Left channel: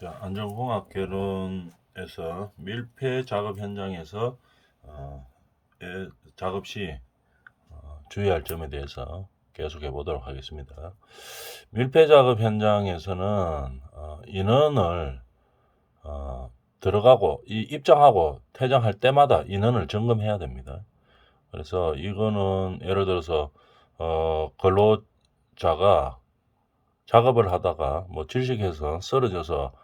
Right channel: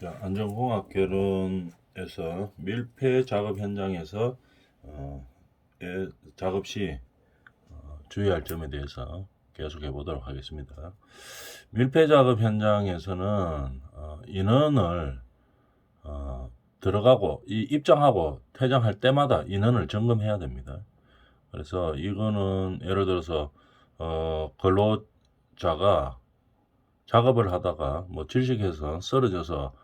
자, 안전공학개론에서 밀폐 작업 현장에서 어, 작업 시 주의할 점에 대해서 계속해 보도록 하겠습니다. 밀폐 작업 현장에서는 인원을 들어가고 입장하고 퇴장할 때마다 인원을 점검해야 됩니다. 그래서 이거는 예를 들어서 근로자가 작업을 하다가 뭐 질식해서 쓰러져서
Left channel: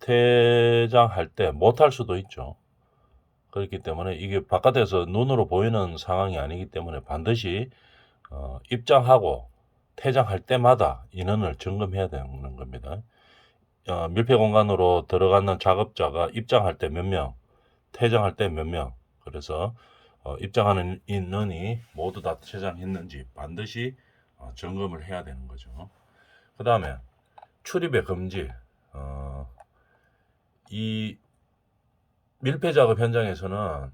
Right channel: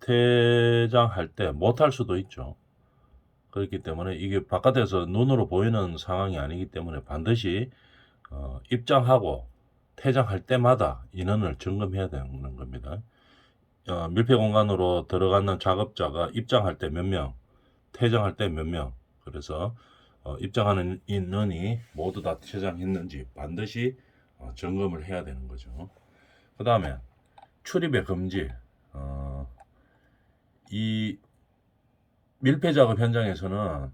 퇴장할 때 못할 수도 있죠. 그렇기 때문에 이게 바깥에서 눈으로 보이는 상황이 아니기 때문에 반드시 입장하고 퇴장할 때마다 인원을 점검해야 되는 겁니다. 밀폐 공간으로 들어가는 작업자가 입장할 때 몇 명, 퇴장할 때 몇 명. 그래서 입장하는 인원이 모두 다 퇴장했는지 반드시 점검을 해야 되는 거죠. 그 다음에 출입의 금지. 이 밀폐 작업 현장에서는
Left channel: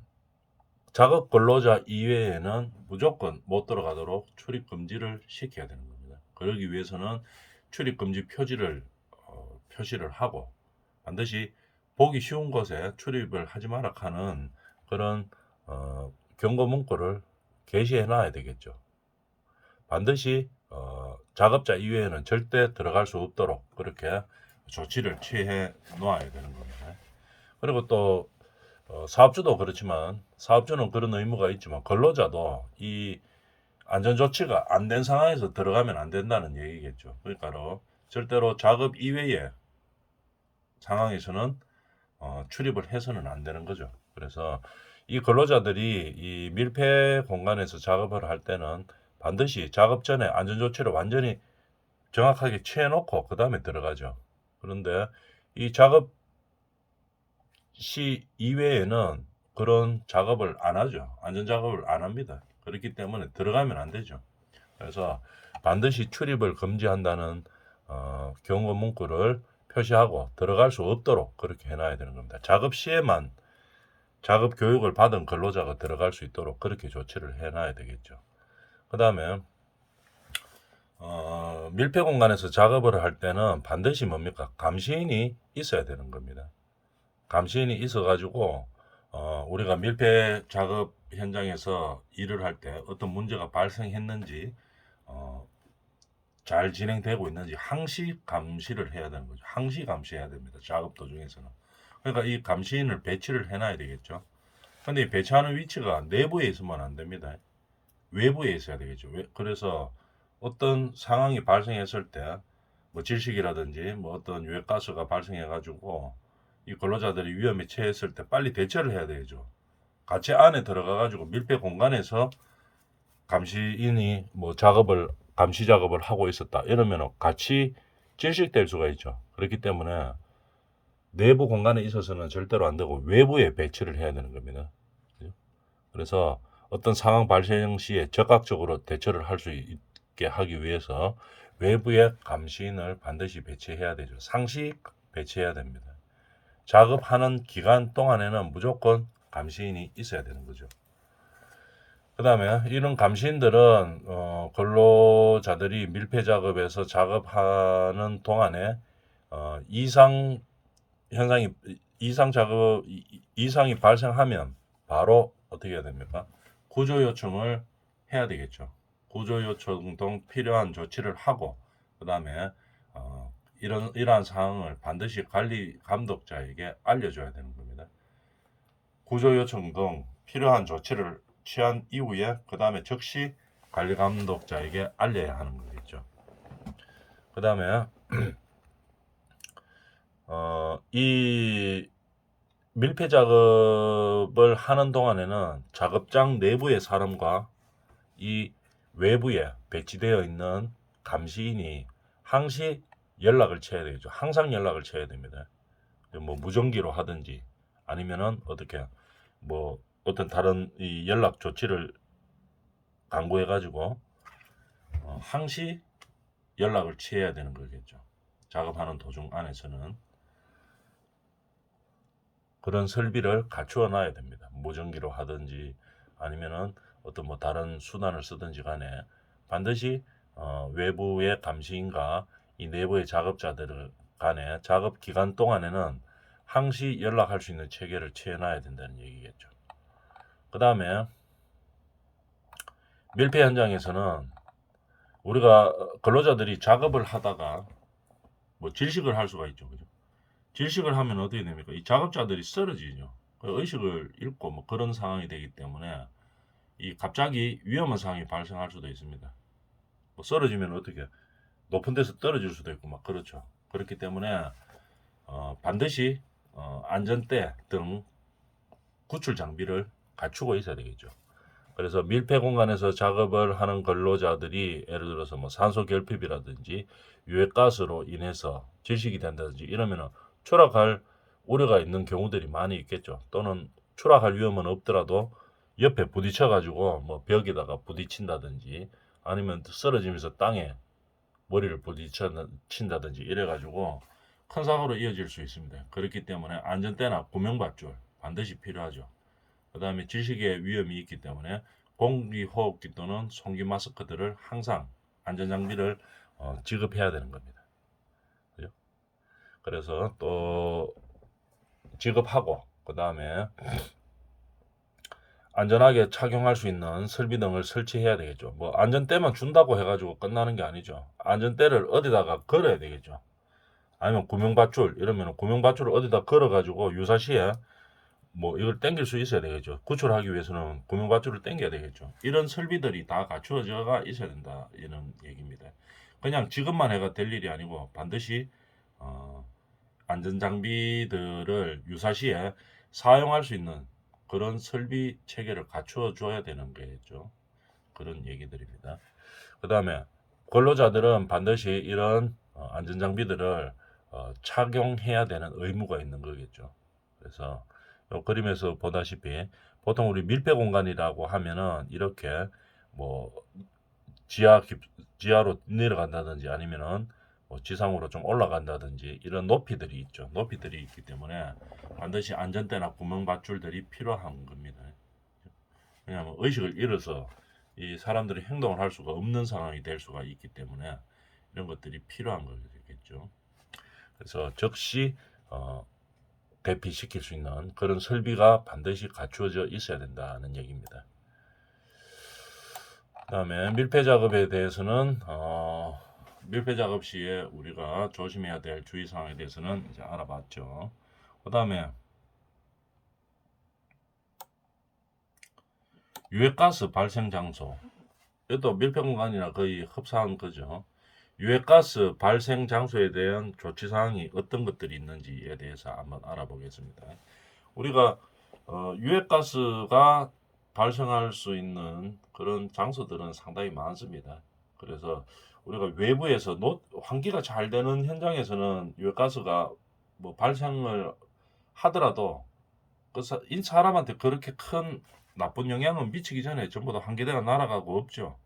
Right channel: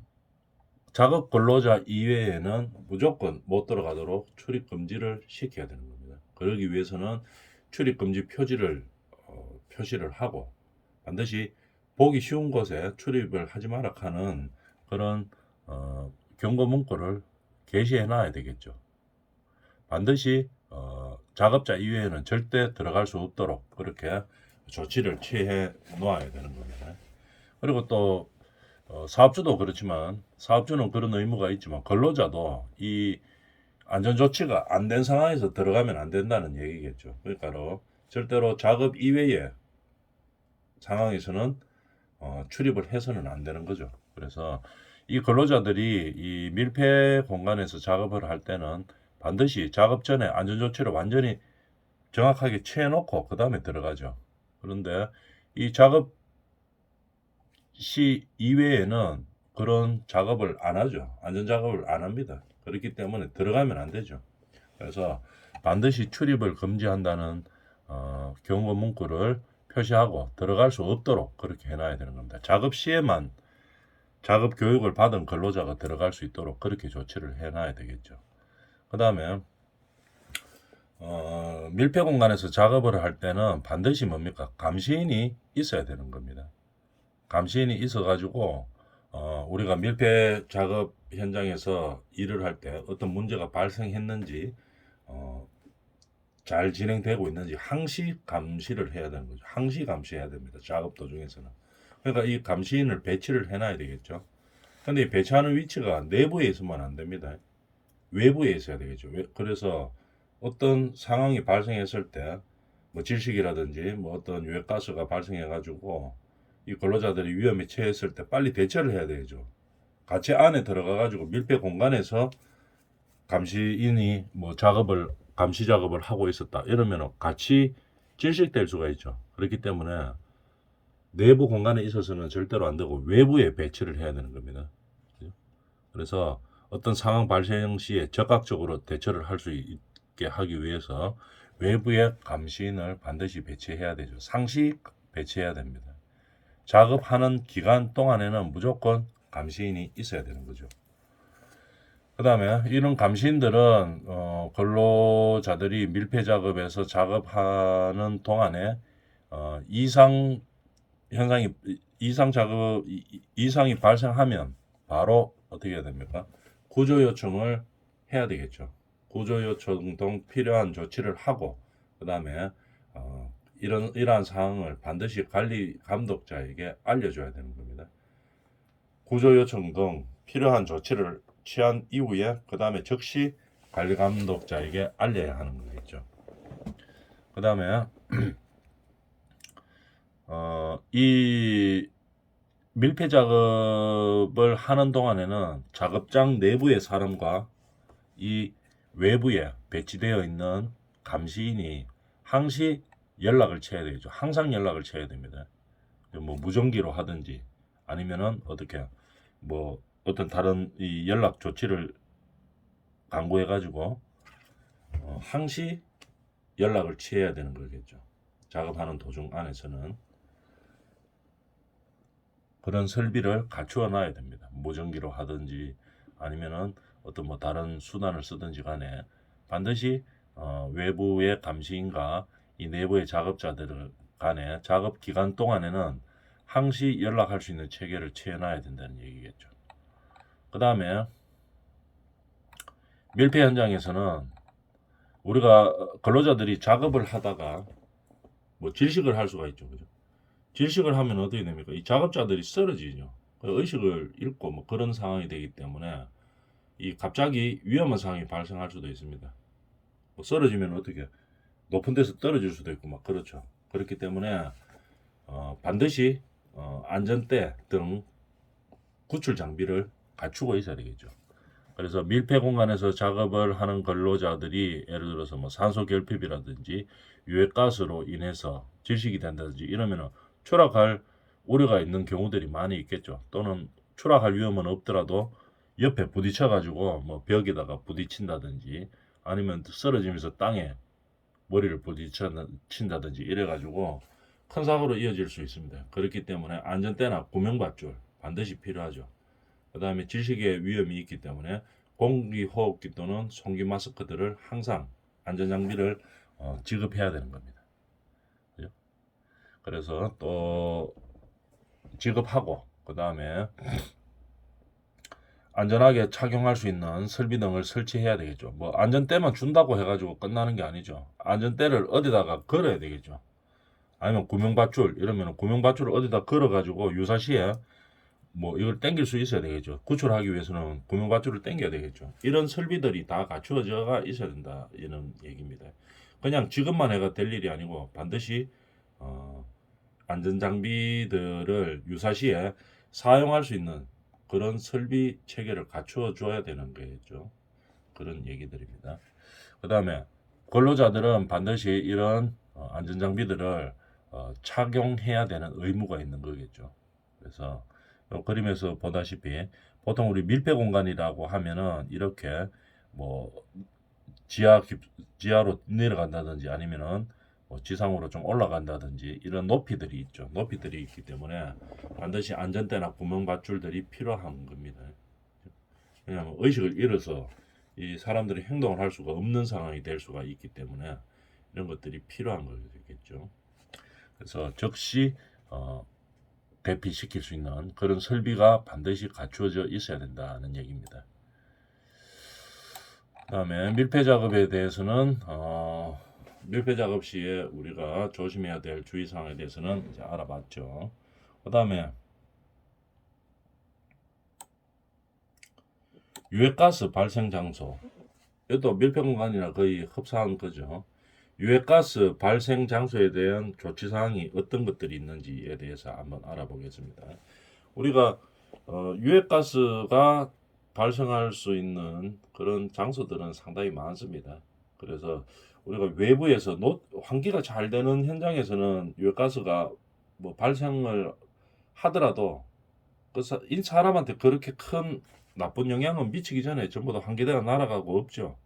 작업 근로자 이외에는 무조건 못 들어가도록 출입 금지를 시켜야 되는 겁니다. 그러기 위해서는 출입 금지 표지를 표시를 하고 반드시 보기 쉬운 곳에 출입을 하지 마라 하는 그런 경고 문구를 게시해 놔야 되겠죠. 반드시 작업자 이외에는 절대 들어갈 수 없도록 그렇게 조치를 취해 놓아야 되는 겁니다. 그리고 또 사업주도 그렇지만 사업주는 그런 의무가 있지만 근로자도 이 안전조치가 안 된 상황에서 들어가면 안 된다는 얘기겠죠. 그러니까 절대로 작업 이외의 상황에서는 출입을 해서는 안 되는 거죠. 그래서 이 근로자들이 이 밀폐 공간에서 작업을 할 때는 반드시 작업 전에 안전조치를 완전히 정확하게 취해놓고 그 다음에 들어가죠. 그런데 이 작업 시 이외에는 그런 작업을 안 하죠. 안전 작업을 안 합니다. 그렇기 때문에 들어가면 안 되죠. 그래서 반드시 출입을 금지한다는 경고 문구를 표시하고 들어갈 수 없도록 그렇게 해놔야 되는 겁니다. 작업 시에만 작업 교육을 받은 근로자가 들어갈 수 있도록 그렇게 조치를 해놔야 되겠죠. 그 다음에 밀폐 공간에서 작업을 할 때는 반드시 뭡니까? 감시인이 있어야 되는 겁니다. 감시인이 있어가지고 우리가 밀폐 작업 현장에서 일을 할 때 어떤 문제가 발생했는지 어, 잘 진행되고 있는지 항시 감시를 해야 되는 거죠. 항시 감시해야 됩니다. 작업 도중에서는. 그러니까 이 감시인을 배치를 해놔야 되겠죠. 근데 이 배치하는 위치가 내부에 있으면 안 됩니다. 외부에 있어야 되겠죠. 그래서 어떤 상황이 발생했을 때 뭐 질식이라든지 뭐 어떤 유해가스가 발생해가지고 이 근로자들이 위험에 처했을 때 빨리 대처를 해야 되죠. 같이 안에 들어가가지고 밀폐 공간에서 감시인이 뭐 감시 작업을 하고 있었다 이러면 같이 질식될 수가 있죠. 그렇기 때문에 내부 공간에 있어서는 절대로 안 되고 외부에 배치를 해야 되는 겁니다. 그래서 어떤 상황 발생 시에 적극적으로 대처를 할 수 있게 하기 위해서 외부에 감시인을 반드시 배치해야 되죠. 상시 배치해야 됩니다. 작업하는 기간 동안에는 무조건 감시인이 있어야 되는 거죠. 그 다음에 이런 감시인들은 근로자들이 밀폐 작업에서 작업하는 동안에 이상 현상이 이상이 발생하면 바로 어떻게 해야 됩니까? 구조 요청을 해야 되겠죠. 구조 요청 등 필요한 조치를 하고 그 다음에 이러한 사항을 반드시 관리 감독자에게 알려줘야 되는 겁니다. 구조 요청 등 필요한 조치를 취한 이후에 그 다음에 즉시 관리 감독자에게 알려야 하는 거겠죠. 그 다음에 이 밀폐 작업을 하는 동안에는 작업장 내부의 사람과 이 외부에 배치되어 있는 감시인이 항시 연락을 쳐야 되죠. 항상 연락을 쳐야 됩니다. 뭐 무전기로 하든지 아니면은 어떻게 뭐 어떤 다른 이 연락 조치를 강구해 가지고 항시 연락을 취해야 되는 거겠죠. 작업하는 도중 안에서는 그런 설비를 갖추어 놔야 됩니다. 무전기로 하든지 아니면은 어떤 뭐 다른 수단을 쓰든지 간에 반드시 외부의 감시인과 이 내부의 작업자들을 간에 작업 기간 동안에는 항시 연락할 수 있는 체계를 채워놔야 된다는 얘기겠죠. 그 다음에 밀폐 현장에서는 우리가 근로자들이 작업을 하다가 뭐 질식을 할 수가 있죠. 그죠? 질식을 하면 어떻게 됩니까? 이 작업자들이 쓰러지죠. 의식을 잃고 뭐 그런 상황이 되기 때문에 이 갑자기 위험한 상황이 발생할 수도 있습니다. 뭐 쓰러지면 어떻게 높은 데서 떨어질 수도 있고 막 그렇죠. 그렇기 때문에 반드시 안전대 등 구출 장비를 갖추고 있어야 되겠죠. 그래서 밀폐 공간에서 작업을 하는 근로자들이 예를 들어서 뭐 산소 결핍이라든지 유해가스로 인해서 질식이 된다든지 이러면 추락할 우려가 있는 경우들이 많이 있겠죠. 또는 추락할 위험은 없더라도 옆에 부딪혀 가지고 뭐 벽에다가 부딪힌다든지 아니면 쓰러지면서 땅에 머리를 부딪힌다든지 이래 가지고 큰 사고로 이어질 수 있습니다. 그렇기 때문에 안전대나 구명받줄 반드시 필요하죠. 그 다음에 질식의 위험이 있기 때문에 공기호흡기 또는 송기 마스크들을 항상 안전장비를 지급해야 되는 겁니다. 그죠? 그래서 또 지급하고 그 다음에 안전하게 착용할 수 있는 설비 등을 설치해야 되겠죠. 뭐 안전대만 준다고 해가지고 끝나는 게 아니죠. 안전대를 어디다가 걸어야 되겠죠. 아니면 구명밧줄 이러면 구명밧줄을 어디다 걸어가지고 유사시에 뭐 이걸 당길 수 있어야 되겠죠. 구출하기 위해서는 구명밧줄을 당겨야 되겠죠. 이런 설비들이 다 갖추어져가 있어야 된다 이런 얘기입니다. 그냥 지급만 해가 될 일이 아니고 반드시 안전장비들을 유사시에 사용할 수 있는 그런 설비 체계를 갖추어 줘야 되는 거겠죠. 그런 얘기들입니다. 그 다음에 근로자들은 반드시 이런 안전장비들을 착용해야 되는 의무가 있는 거겠죠. 그래서 그림에서 보다시피 보통 우리 밀폐 공간이라고 하면은 이렇게 뭐 지하로 내려간다든지 아니면은 뭐 지상으로 좀 올라간다든지 이런 높이들이 있죠. 높이들이 있기 때문에 반드시 안전대나 구명밧줄들이 필요한 겁니다. 왜냐하면 의식을 잃어서 이 사람들이 행동을 할 수가 없는 상황이 될 수가 있기 때문에 이런 것들이 필요한 거겠죠. 그래서 즉시 대피시킬 수 있는 그런 설비가 반드시 갖추어져 있어야 된다는 얘기입니다. 그 다음에 밀폐 작업에 대해서는 밀폐 작업 시에 우리가 조심해야 될 주의사항에 대해서는 이제 알아봤죠. 그 다음에 유해가스 발생 장소, 이것도 밀폐 공간이나 거의 흡사한 거죠. 유해가스 발생 장소에 대한 조치사항이 어떤 것들이 있는지에 대해서 한번 알아보겠습니다. 우리가 유해가스가 발생할 수 있는 그런 장소들은 상당히 많습니다. 그래서 우리가 외부에서 환기가 잘 되는 현장에서는 유해가스가 뭐 발생을 하더라도 그 사람한테 그렇게 큰 나쁜 영향은 미치기 전에 전부 다 환기대가 날아가고 없죠.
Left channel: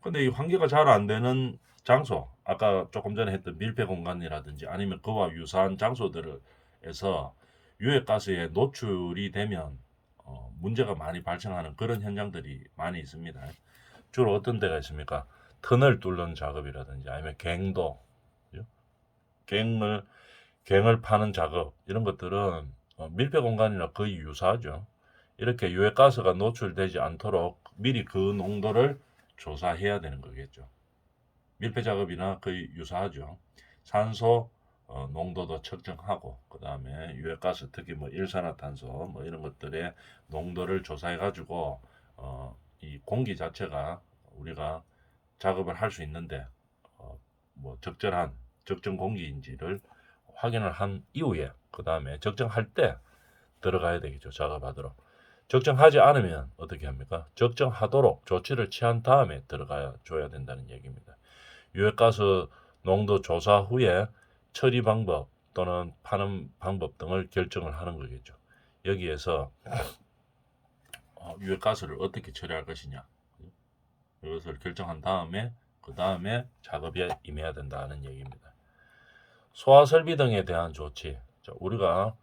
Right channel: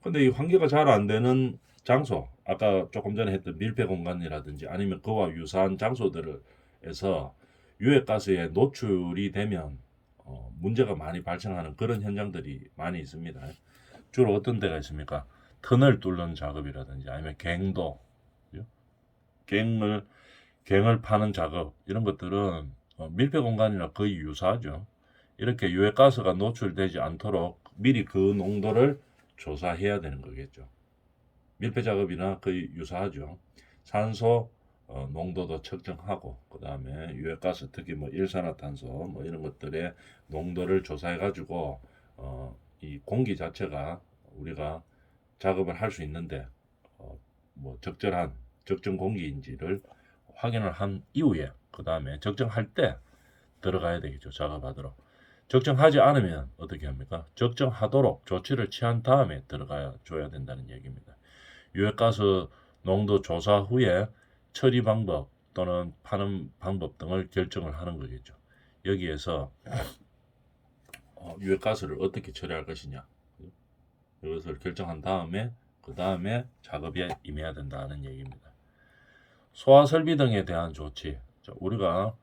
근데 이 환기가 잘 안 되는 장소, 아까 조금 전에 했던 밀폐 공간이라든지 아니면 그와 유사한 장소들에서 유해가스에 노출이 되면 문제가 많이 발생하는 그런 현장들이 많이 있습니다. 주로 어떤 데가 있습니까? 터널 뚫는 작업이라든지 아니면 갱도, 갱을 파는 작업 이런 것들은 밀폐 공간이나 거의 유사하죠. 이렇게 유해가스가 노출되지 않도록 미리 그 농도를 조사해야 되는 거겠죠. 밀폐 작업이나 거의 유사하죠. 산소 농도도 측정하고 그 다음에 유해가스 특히 뭐 일산화탄소 뭐 이런 것들의 농도를 조사해 가지고 이 공기 자체가 우리가 작업을 할 수 있는데 뭐 적절한 적정 공기인지를 확인을 한 이후에 그 다음에 적정할 때 들어가야 되겠죠. 작업하도록. 적정하지 않으면 어떻게 합니까? 적정하도록 조치를 취한 다음에 들어가 줘야 된다는 얘기입니다. 유해가스 농도 조사 후에 처리 방법 또는 파는 방법 등을 결정을 하는 거겠죠. 여기에서 유해가스를 어떻게 처리할 것이냐 이것을 결정한 다음에 그 다음에 작업에 임해야 된다는 얘기입니다. 소화 설비 등에 대한 조치. 우리가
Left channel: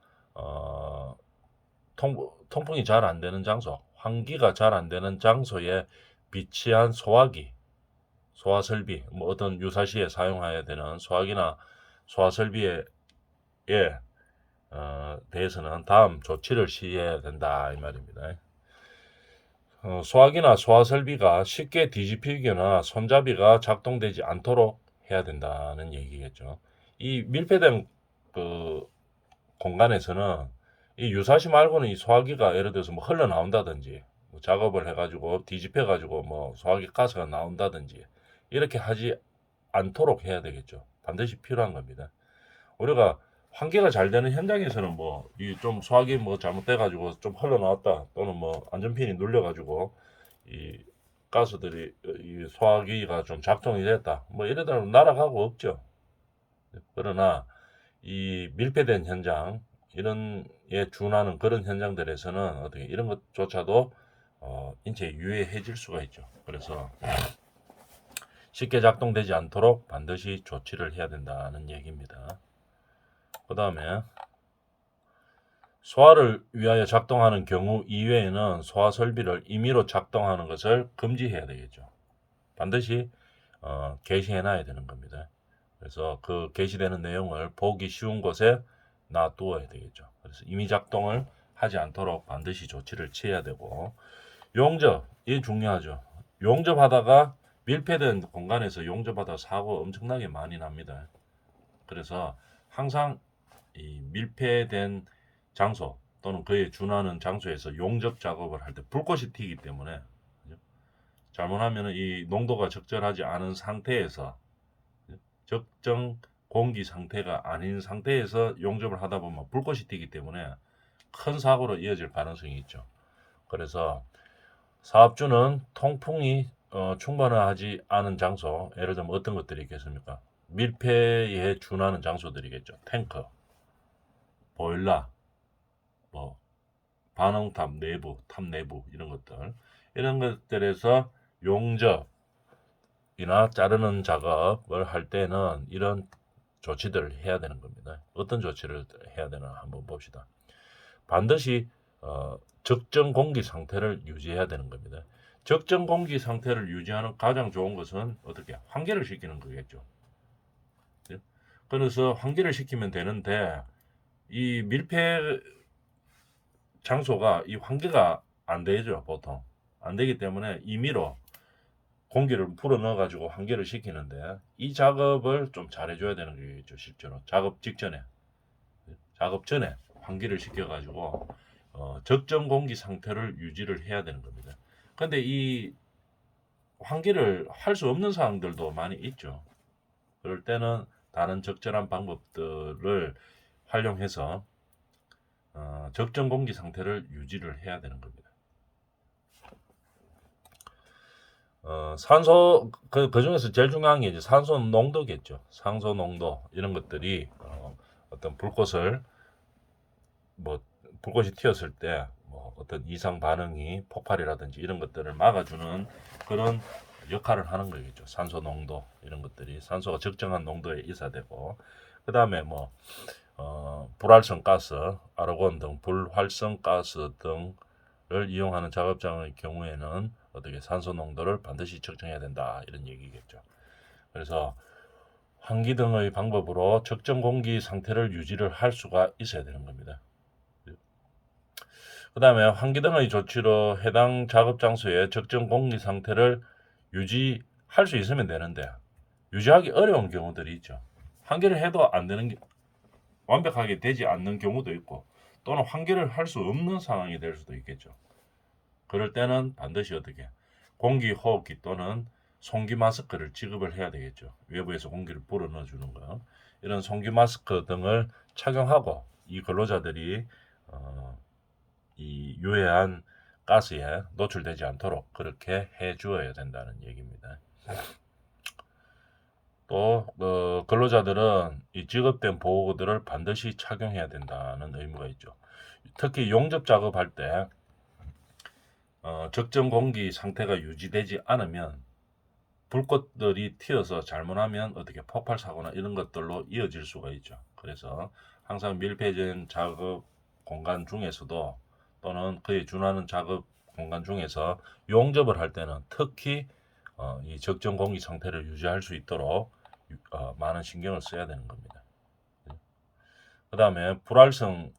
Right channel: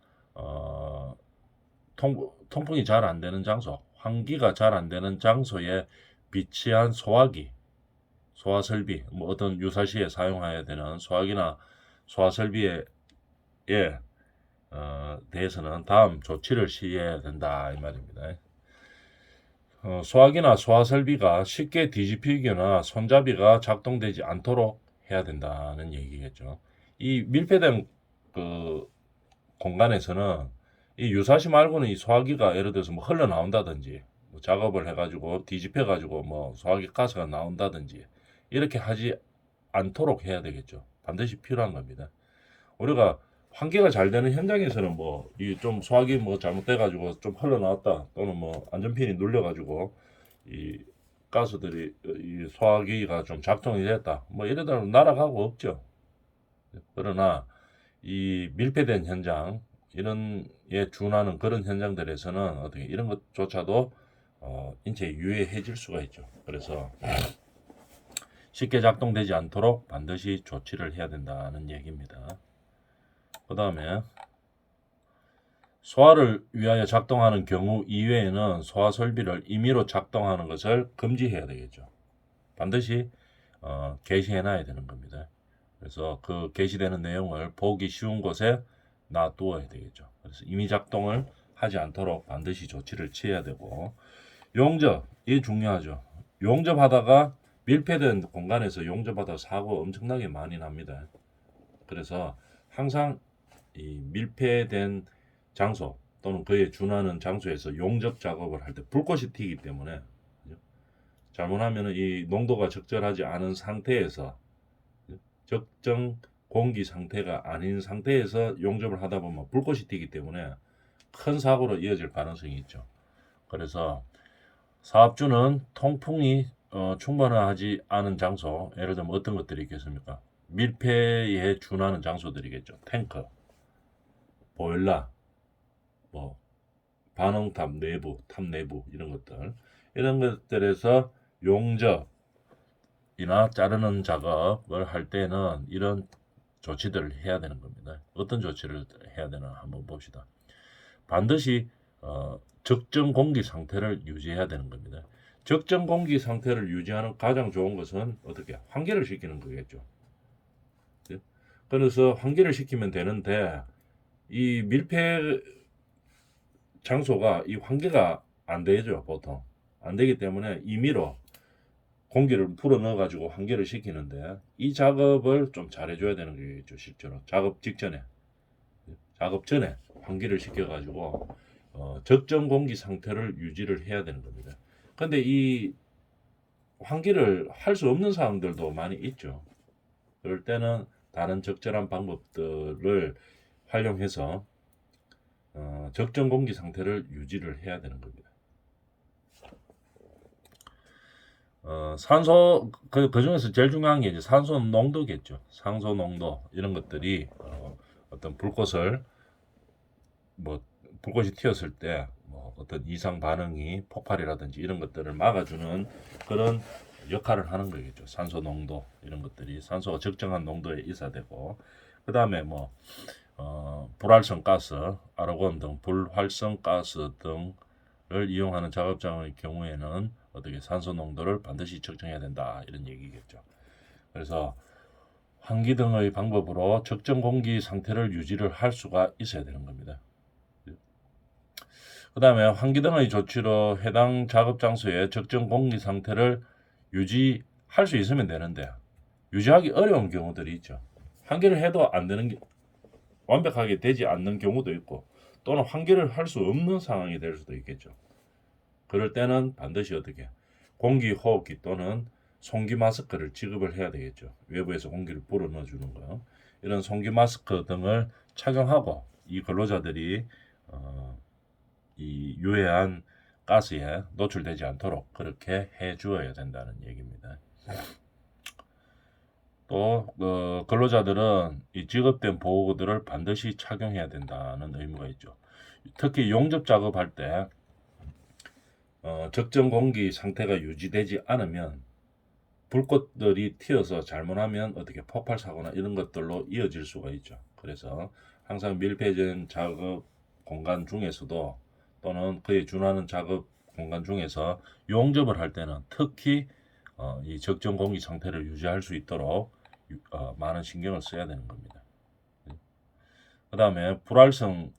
통풍이 잘 안 되는 장소, 환기가 잘 안 되는 장소에 비치한 소화기, 소화 설비, 뭐 어떤 유사시에 사용해야 되는 소화기나 소화 설비에 대해서는 다음 조치를 시해야 된다 이 말입니다. 소화기나 소화 설비가 쉽게 뒤집히거나 손잡이가 작동되지 않도록 해야 된다는 얘기겠죠. 이 밀폐된 그 공간에서는 이 유사시 말고는 이 소화기가 예를 들어서 뭐 흘러나온다든지 뭐 작업을 해가지고 뒤집혀가지고 뭐 소화기 가스가 나온다든지 이렇게 하지 않도록 해야 되겠죠. 반드시 필요한 겁니다. 우리가 환기가 잘 되는 현장에서는 뭐 이 좀 소화기 뭐 잘못돼가지고 좀 흘러나왔다 또는 뭐 안전핀이 눌려가지고 이 가스들이 이 소화기가 좀 작동이 됐다 뭐 이러다 날아가고 없죠. 그러나 이 밀폐된 현장 이런 에 준하는 그런 현장들에서는 어떻게 이런 것조차도 인체에 유해해질 수가 있죠. 그래서 쉽게 작동되지 않도록 반드시 조치를 해야 된다는 얘기입니다. 그 다음에 소화를 위하여 작동하는 경우 이외에는 소화 설비를 임의로 작동하는 것을 금지해야 되겠죠. 반드시 게시해 놔야 되는 겁니다. 그래서 그 게시되는 내용을 보기 쉬운 곳에 놔두어야 되겠죠. 그래서 임의 작동을 하지 않도록 반드시 조치를 취해야 되고 용접 이게 중요하죠. 용접하다가 밀폐된 공간에서 용접하다 사고 엄청나게 많이 납니다. 그래서 항상 이 밀폐된 장소 또는 그에 준하는 장소에서 용접 작업을 할 때 불꽃이 튀기 때문에 잘못하면 이 농도가 적절하지 않은 상태에서 적정 공기 상태가 아닌 상태에서 용접을 하다 보면 불꽃이 튀기 때문에 큰 사고로 이어질 가능성이 있죠. 그래서 사업주는 통풍이 충분하지 않은 장소, 예를 들면 어떤 것들이 있겠습니까? 밀폐에 준하는 장소들이겠죠. 탱크, 보일러, 뭐 반응탑 내부, 탑 내부 이런 것들 이런 것들에서 용접이나 자르는 작업을 할 때는 이런 조치들을 해야 되는 겁니다. 어떤 조치를 해야 되나 한번 봅시다. 반드시 적정 공기 상태를 유지해야 되는 겁니다. 적정 공기 상태를 유지하는 가장 좋은 것은 어떻게 환기를 시키는 거겠죠. 그래서 환기를 시키면 되는데 이 밀폐 장소가 이 환기가 안 되죠. 보통 안 되기 때문에 임의로 공기를 불어 넣어 가지고 환기를 시키는데 이 작업을 좀 잘해줘야 되는 거겠죠. 실제로 작업 직전에 작업 전에 환기를 시켜 가지고 적정 공기 상태를 유지를 해야 되는 겁니다. 근데 이 환기를 할 수 없는 상황들도 많이 있죠. 그럴 때는 다른 적절한 방법들을 활용해서 적정 공기 상태를 유지를 해야 되는 겁니다. 산소 그 중에서 제일 중요한 게 이제 산소 농도겠죠. 산소 농도 이런 것들이 어떤 불꽃을 뭐 불꽃이 튀었을 때 뭐 어떤 이상 반응이 폭발이라든지 이런 것들을 막아주는 그런 역할을 하는 거겠죠. 산소 농도 이런 것들이 산소가 적정한 농도에 있어야 되고 그 다음에 뭐 불활성 가스, 아르곤 등 불활성 가스 등을 이용하는 작업장의 경우에는 어떻게 산소 농도를 반드시 측정해야 된다 이런 얘기겠죠. 그래서 환기 등의 방법으로 적정 공기 상태를 유지를 할 수가 있어야 되는 겁니다. 그 다음에 환기 등의 조치로 해당 작업 장소의 적정 공기 상태를 유지할 수 있으면 되는데 유지하기 어려운 경우들이 있죠. 환기를 해도 안 되는 완벽하게 되지 않는 경우도 있고 또는 환기를 할 수 없는 상황이 될 수도 있겠죠. 그럴 때는 반드시 어떻게 공기 호흡기 또는 송기 마스크를 지급을 해야 되겠죠. 외부에서 공기를 불어 넣어주는 거 이런 송기 마스크 등을 착용하고 이 근로자들이 이 유해한 가스에 노출되지 않도록 그렇게 해 주어야 된다는 얘기입니다. 또 근로자들은 이 지급된 보호구들을 반드시 착용해야 된다는 의무가 있죠. 특히 용접 작업할 때 적정 공기 상태가 유지되지 않으면 불꽃들이 튀어서 잘못하면 어떻게 폭발 사고나 이런 것들로 이어질 수가 있죠. 그래서 항상 밀폐된 작업 공간 중에서도 또는 그에 준하는 작업 공간 중에서 용접을 할 때는 특히 이 적정 공기 상태를 유지할 수 있도록 많은 신경을 써야 되는 겁니다. 그 다음에 불활성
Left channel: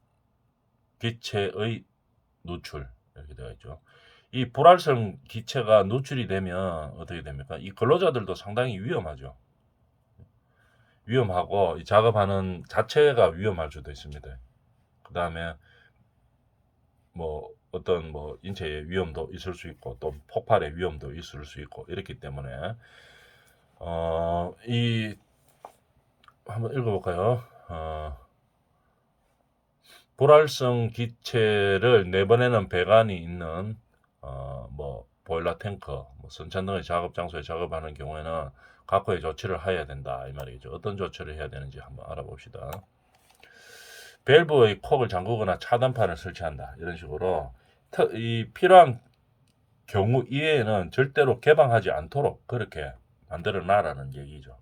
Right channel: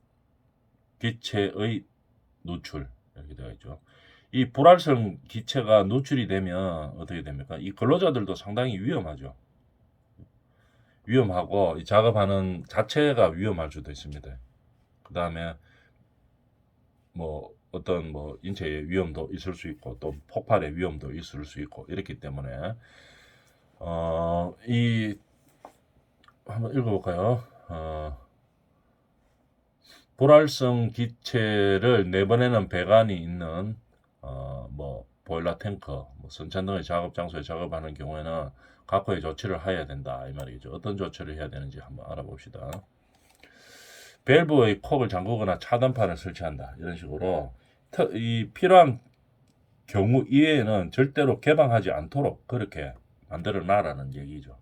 기체의 누출 이렇게 되어 있죠. 이 불활성 기체가 누출이 되면 어떻게 됩니까? 이 근로자들도 상당히 위험하죠. 위험하고 이 작업하는 자체가 위험할 수도 있습니다. 그 다음에 뭐 어떤 뭐 인체의 위험도 있을 수 있고 또 폭발의 위험도 있을 수 있고 이렇기 때문에 이 한번 읽어볼까요? 불활성 기체를 내보내는 배관이 있는 뭐 보일러 탱크, 뭐 선천 등의 작업 장소에 작업하는 경우에는 각고의 조치를 해야 된다 이 말이죠. 어떤 조치를 해야 되는지 한번 알아봅시다. 밸브의 콕을 잠그거나 차단판을 설치한다 이런 식으로 이 필요한 경우 이외에는 절대로 개방하지 않도록 그렇게 만들어 놔라는 얘기죠.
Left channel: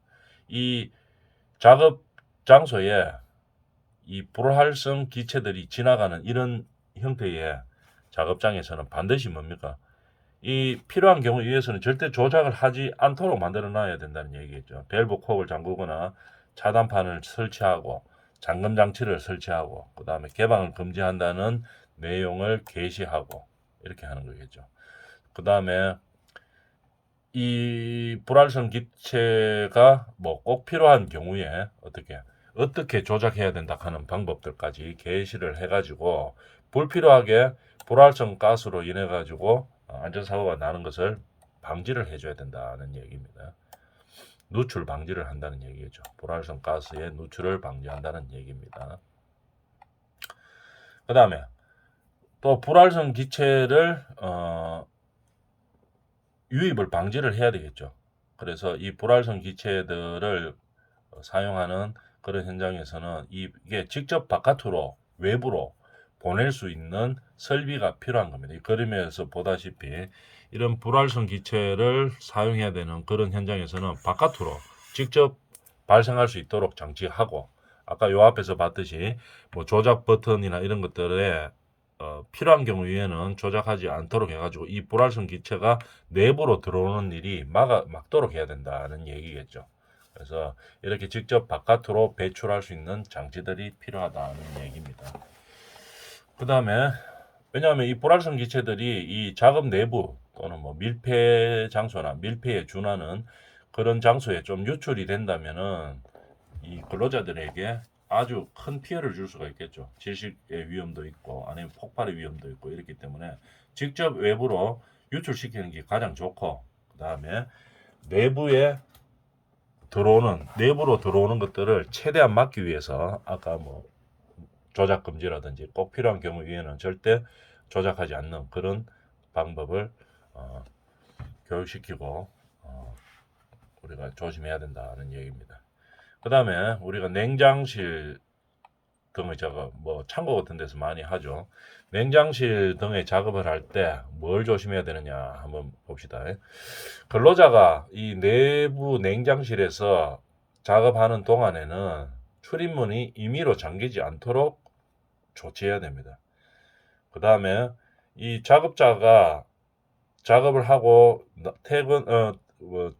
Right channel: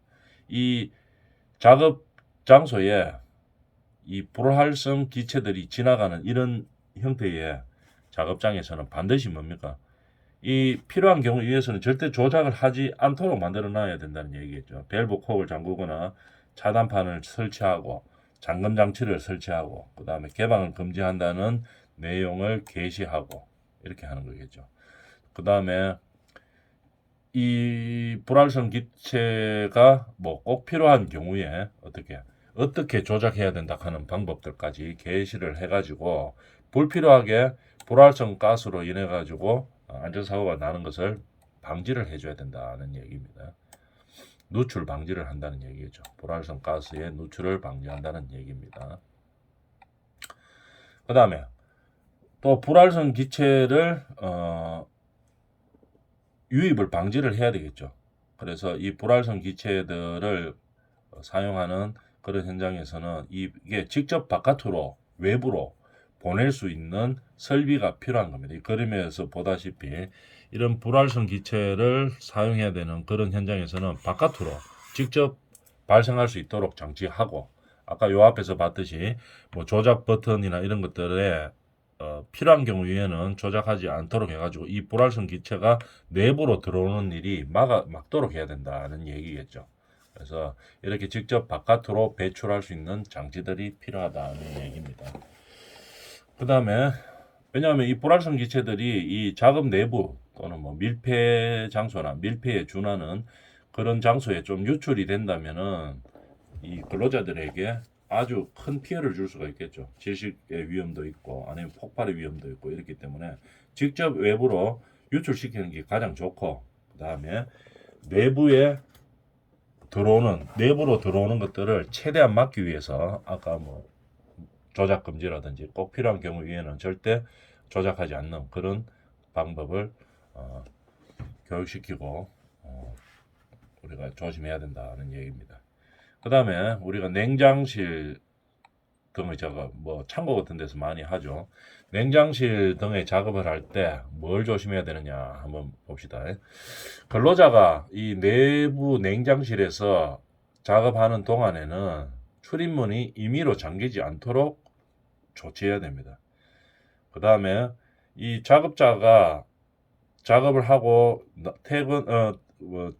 이 작업 장소에 이 불활성 기체들이 지나가는 이런 형태의 작업장에서는 반드시 뭡니까? 이 필요한 경우 위해서는 절대 조작을 하지 않도록 만들어 놔야 된다는 얘기겠죠. 밸브 콕을 잠그거나 차단판을 설치하고 잠금 장치를 설치하고 그 다음에 개방을 금지한다는 내용을 게시하고 이렇게 하는 거겠죠. 그 다음에 이 불활성 기체가 뭐 꼭 필요한 경우에 어떻게 조작해야 된다 하는 방법들까지 게시를 해가지고 불필요하게 불활성 가스로 인해 가지고 안전사고가 나는 것을 방지를 해줘야 된다는 얘기입니다. 누출 방지를 한다는 얘기죠. 불활성 가스의 누출을 방지한다는 얘기입니다. 그 다음에 또 불활성 기체를 유입을 방지를 해야 되겠죠. 그래서 이 불활성 기체들을 사용하는 그런 현장에서는 이게 직접 바깥으로 외부로 보낼 수 있는 설비가 필요한 겁니다. 이 그림에서 보다시피 이런 불활성 기체를 사용해야 되는 그런 현장에서는 바깥으로 직접 발생할 수 있도록 장치하고 아까 요 앞에서 봤듯이 뭐 조작 버튼이나 이런 것들에 필요한 경우에는 조작하지 않도록 해가지고 이 불활성 기체가 내부로 들어오는 일이 막도록 해야 된다는 얘기겠죠. 그래서 이렇게 직접 바깥으로 배출할 수 있는 장치들이 필요하다는 얘기입니다. 그 다음에 왜냐하면 이 불활성 기체들이 이 작업 내부 또는 뭐 밀폐 장소나 밀폐에 준하는 그런 장소에 좀 유출이 된다면은 이 근로자들에게 아주 큰 피해를 줄 수가 있겠죠. 질식의 위험도 있고 아니면 폭발의 위험도 있고 이렇기 때문에 직접 외부로 유출시키는 게 가장 좋고 그 다음에 내부로 들어오는 것들을 최대한 막기 위해서 아까 뭐 조작 금지라든지 꼭 필요한 경우 에는 절대 조작하지 않는 그런 방법을 교육시키고 우리가 조심해야 된다는 얘기입니다. 그 다음에 우리가 냉장실 등의 작업, 뭐 창고 같은 데서 많이 하죠. 냉장실 등의 작업을 할 때 뭘 조심해야 되느냐 한번 봅시다. 근로자가 이 내부 냉장실에서 작업하는 동안에는 출입문이 임의로 잠기지 않도록 조치해야 됩니다. 그 다음에 이 작업자가 작업을 하고 뭐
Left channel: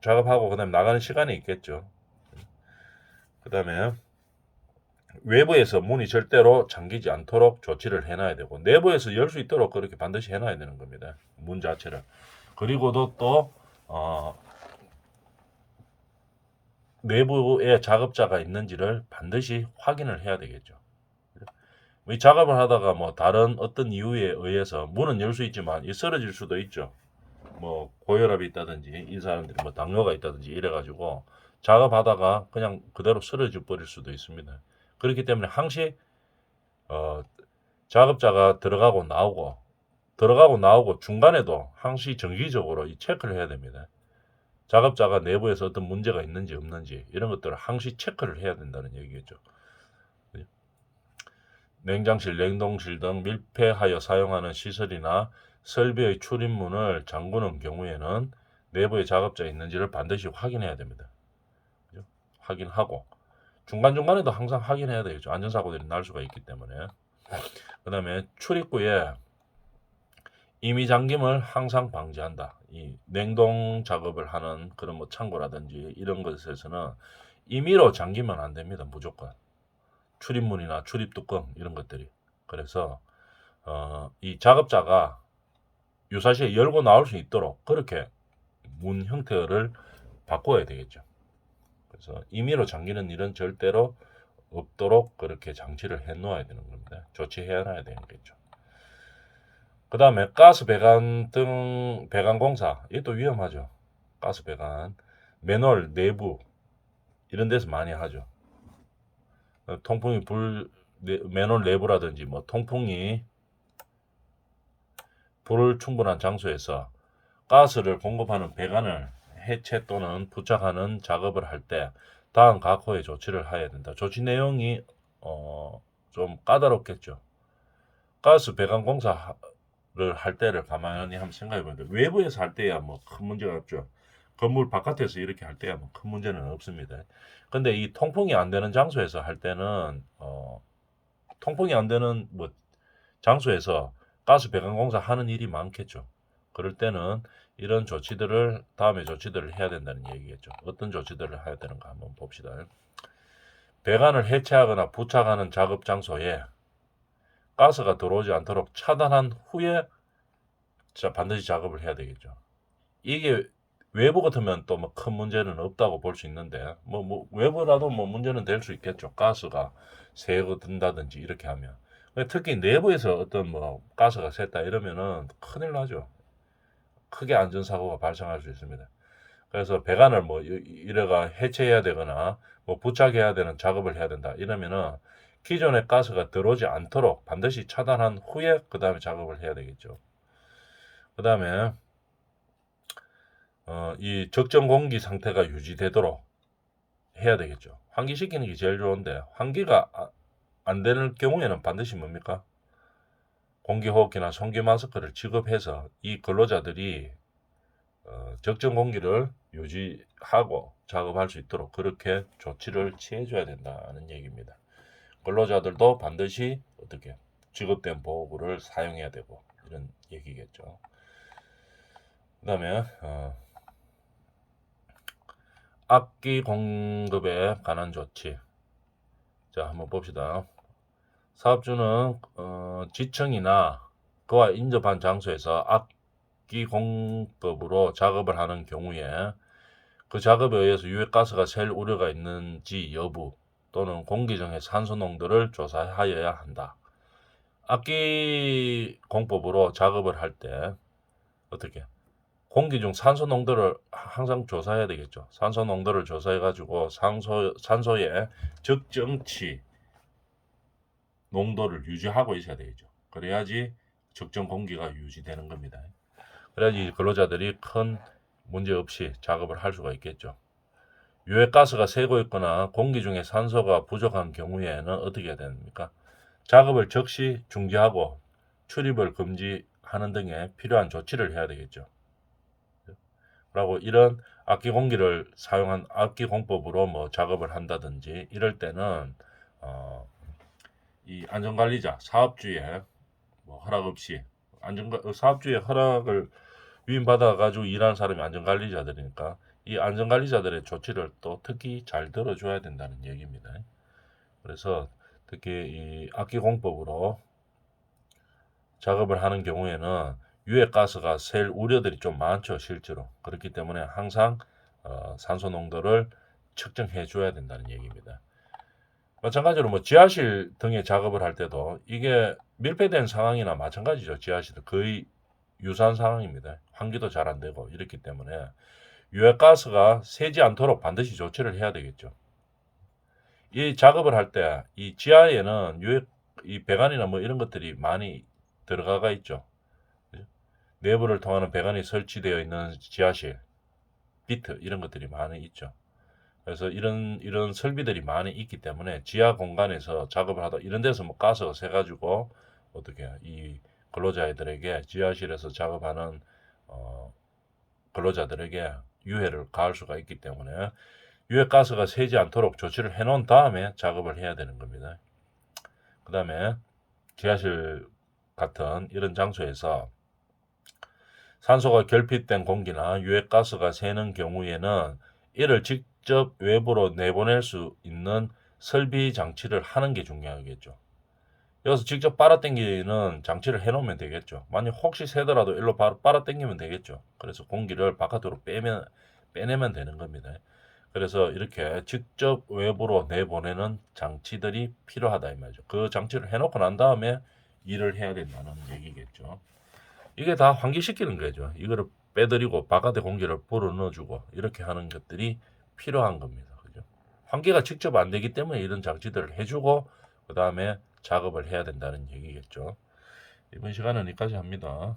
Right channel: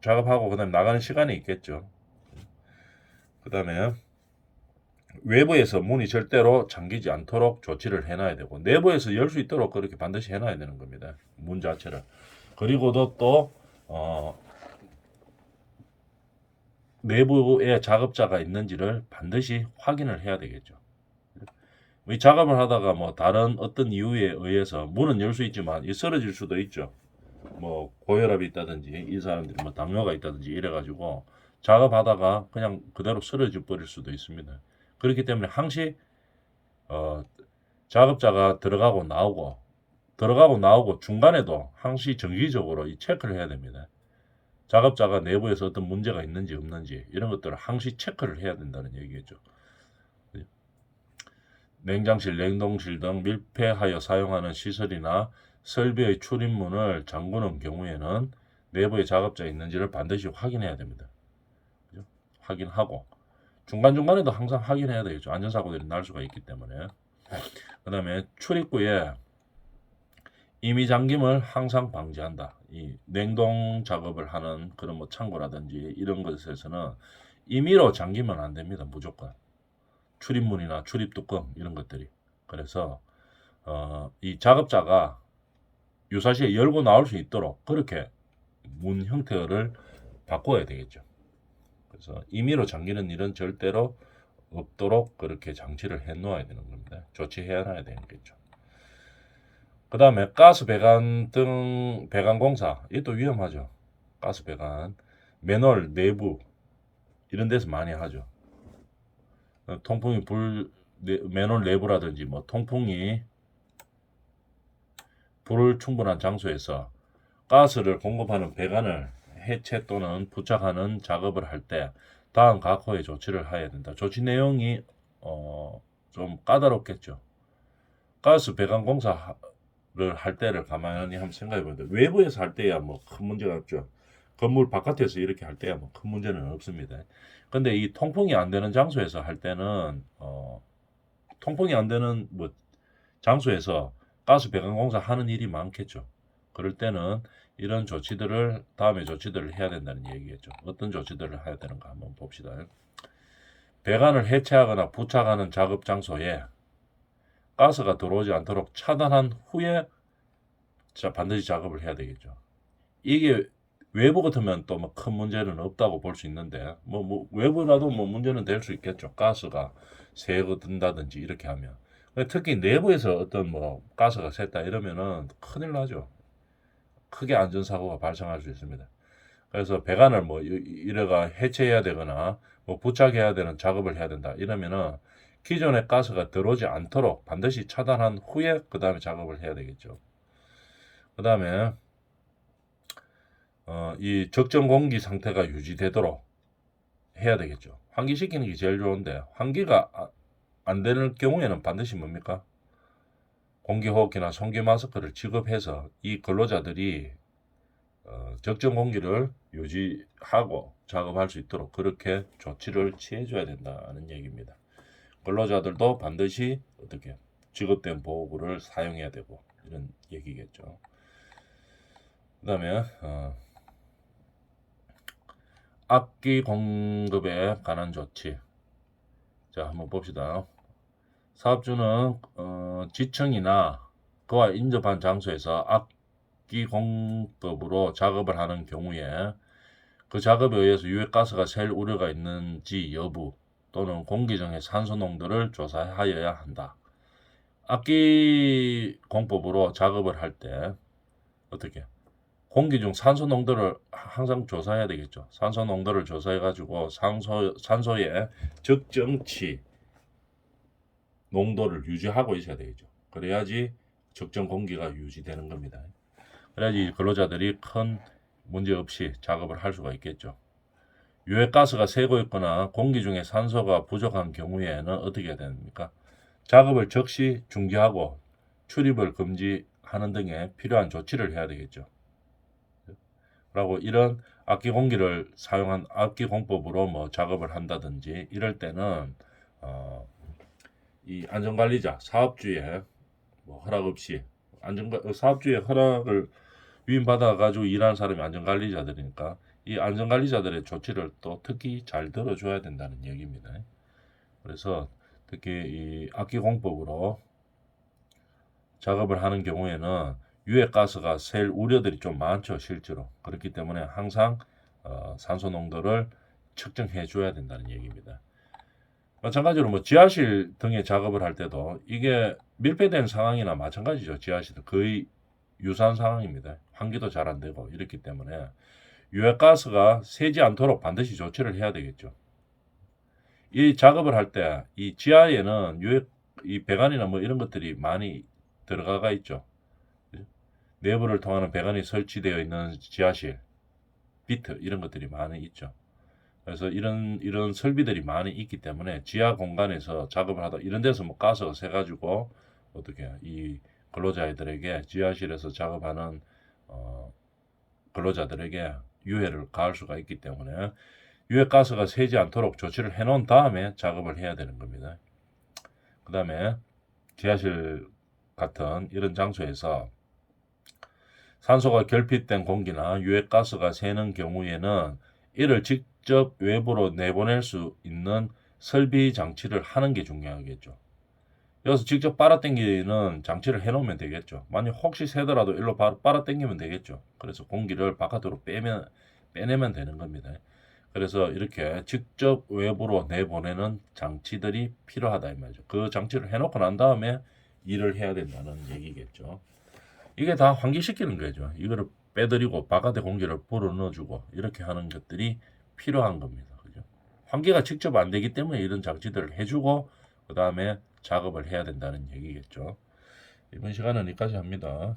작업하고 그다음에 나가는 시간이 있겠죠. 그 다음에 외부에서 문이 절대로 잠기지 않도록 조치를 해놔야 되고 내부에서 열 수 있도록 그렇게 반드시 해놔야 되는 겁니다. 문 자체를. 그리고도 또 내부에 작업자가 있는지를 반드시 확인을 해야 되겠죠. 이 작업을 하다가 뭐 다른 어떤 이유에 의해서 문은 열 수 있지만 이 쓰러질 수도 있죠. 뭐 고혈압이 있다든지 이 사람들이 뭐 당뇨가 있다든지 이래가지고 작업하다가 그냥 그대로 쓰러져 버릴 수도 있습니다. 그렇기 때문에 항시 작업자가 들어가고 나오고 중간에도 항시 정기적으로 이 체크를 해야 됩니다. 작업자가 내부에서 어떤 문제가 있는지 없는지 이런 것들을 항시 체크를 해야 된다는 얘기겠죠. 냉장실, 냉동실 등 밀폐하여 사용하는 시설이나 설비의 출입문을 잠그는 경우에는 내부에 작업자 있는지를 반드시 확인해야 됩니다. 그죠? 확인하고 중간중간에도 항상 확인해야 되겠죠. 안전사고들이 날 수가 있기 때문에. 그 다음에 출입구에 임의 잠김을 항상 방지한다. 이 냉동 작업을 하는 그런 뭐 창고라든지 이런 것에서는 임의로 잠기면 안 됩니다. 무조건. 출입문이나 출입 뚜껑 이런 것들이. 그래서 이 작업자가 유사시에 열고 나올 수 있도록 그렇게 문 형태를 바꿔야 되겠죠. 그래서 임의로 잠기는 일은 절대로 없도록 그렇게 장치를 해 놓아야 되는 겁니다. 조치해 놔야 되겠죠. 그 다음에 가스 배관 등 배관 공사, 이것도 위험하죠. 가스 배관, 맨홀 내부 이런 데서 많이 하죠. 통풍이 맨홀 내부라든지 뭐 통풍이 불충분한 장소에서 가스를 공급하는 배관을 해체 또는 부착하는 작업을 할 때 다음 각호의 조치를 해야 된다. 조치 내용이 좀 까다롭겠죠. 가스 배관 공사를 할 때를 가만히 한번 생각해 보면 외부에서 할 때야 뭐 큰 문제가 없죠. 건물 바깥에서 이렇게 할 때야 뭐 큰 문제는 없습니다. 근데 이 통풍이 안 되는 장소에서 할 때는 통풍이 안 되는 뭐 장소에서 가스 배관 공사 하는 일이 많겠죠. 그럴 때는 이런 조치들을 다음에 조치들을 해야 된다는 얘기겠죠. 어떤 조치들을 해야 되는가 한번 봅시다. 배관을 해체하거나 부착하는 작업 장소에 가스가 들어오지 않도록 차단한 후에 반드시 작업을 해야 되겠죠. 이게 외부 같으면 또 뭐 큰 문제는 없다고 볼 수 있는데 뭐 외부라도 뭐 문제는 될 수 있겠죠. 가스가 새고 든다든지 이렇게 하면. 특히 내부에서 어떤 뭐 가스가 샜다 이러면은 큰일 나죠. 크게 안전사고가 발생할 수 있습니다. 그래서 배관을 뭐 이래가 해체해야 되거나 뭐 부착해야 되는 작업을 해야 된다 이러면은 기존의 가스가 들어오지 않도록 반드시 차단한 후에 그 다음에 작업을 해야 되겠죠. 그 다음에 이 적정 공기 상태가 유지되도록 해야 되겠죠. 환기시키는 게 제일 좋은데 환기가 안 되는 경우에는 반드시 뭡니까? 공기호흡기나 송기 마스크를 지급해서 이 근로자들이 적정 공기를 유지하고 작업할 수 있도록 그렇게 조치를 취해줘야 된다는 얘기입니다. 근로자들도 반드시 어떻게 지급된 보호구를 사용해야 되고 이런 얘기겠죠. 그 다음에 악기 공급에 관한 조치. 자, 한번 봅시다. 사업주는 지층이나 그와 인접한 장소에서 악기 공급으로 작업을 하는 경우에 그 작업에 의해서 유해가스가 셀 우려가 있는지 여부 또는 공기 중의 산소 농도를 조사하여야 한다. 악기 공법으로 작업을 할 때 어떻게 공기 중 산소 농도를 항상 조사해야 되겠죠. 산소 농도를 조사해 가지고 산소의 적정치 농도를 유지하고 있어야 되겠죠. 그래야지 적정 공기가 유지되는 겁니다. 그래야지 근로자들이 큰 문제 없이 작업을 할 수가 있겠죠. 유해가스가 새고 있거나 공기 중에 산소가 부족한 경우에는 어떻게 해야 됩니까? 작업을 즉시 중지하고 출입을 금지하는 등의 필요한 조치를 해야 되겠죠. 그리고 이런 악기 공기를 사용한 악기 공법으로 뭐 작업을 한다든지 이럴 때는 이 안전관리자 사업주의 뭐 허락 없이 사업주의 허락을 위임받아 가지고 일하는 사람이 안전관리자들이니까 이 안전관리자들의 조치를 또 특히 잘 들어줘야 된다는 얘기입니다. 그래서 특히 이 악기 공법으로 작업을 하는 경우에는 유해가스가 셀 우려들이 좀 많죠, 실제로. 그렇기 때문에 항상 산소 농도를 측정해 줘야 된다는 얘기입니다. 마찬가지로 뭐 지하실 등의 작업을 할 때도 이게 밀폐된 상황이나 마찬가지죠. 지하실도 거의 유사한 상황입니다. 환기도 잘 안 되고 이렇기 때문에 유해가스가 새지 않도록 반드시 조치를 해야 되겠죠. 이 작업을 할 때 이 지하에는 이 배관이나 뭐 이런 것들이 많이 들어가 있죠. 내부를 통하는 배관이 설치되어 있는 지하실, 비트 이런 것들이 많이 있죠. 그래서 이런 설비들이 많이 있기 때문에 지하 공간에서 작업을 하다 이런 데서 뭐 가스가 새가지고 어떻게 이 근로자들에게 지하실에서 작업하는 근로자들에게 유해를 가할 수가 있기 때문에 유해가스가 새지 않도록 조치를 해놓은 다음에 작업을 해야 되는 겁니다. 그 다음에 지하실 같은 이런 장소에서 산소가 결핍된 공기나 유해가스가 새는 경우에는 이를 직접 외부로 내보낼 수 있는 설비 장치를 하는 게 중요하겠죠. 여기서 직접 빨아당기는 장치를 해놓으면 되겠죠. 만약 혹시 새더라도 일로 바로 빨아당기면 되겠죠. 그래서 공기를 바깥으로 빼내면 되는 겁니다. 그래서 이렇게 직접 외부로 내보내는 장치들이 필요하다 이 말이죠. 그 장치를 해놓고 난 다음에 일을 해야 된다는 얘기겠죠. 이게 다 환기시키는 거죠. 이거를 빼드리고 바깥에 공기를 불어넣어주고 이렇게 하는 것들이 필요한 겁니다. 그죠? 환기가 직접 안 되기 때문에 이런 장치들을 해주고 그 다음에 작업을 해야 된다는 얘기겠죠. 이번 시간은 여기까지 합니다.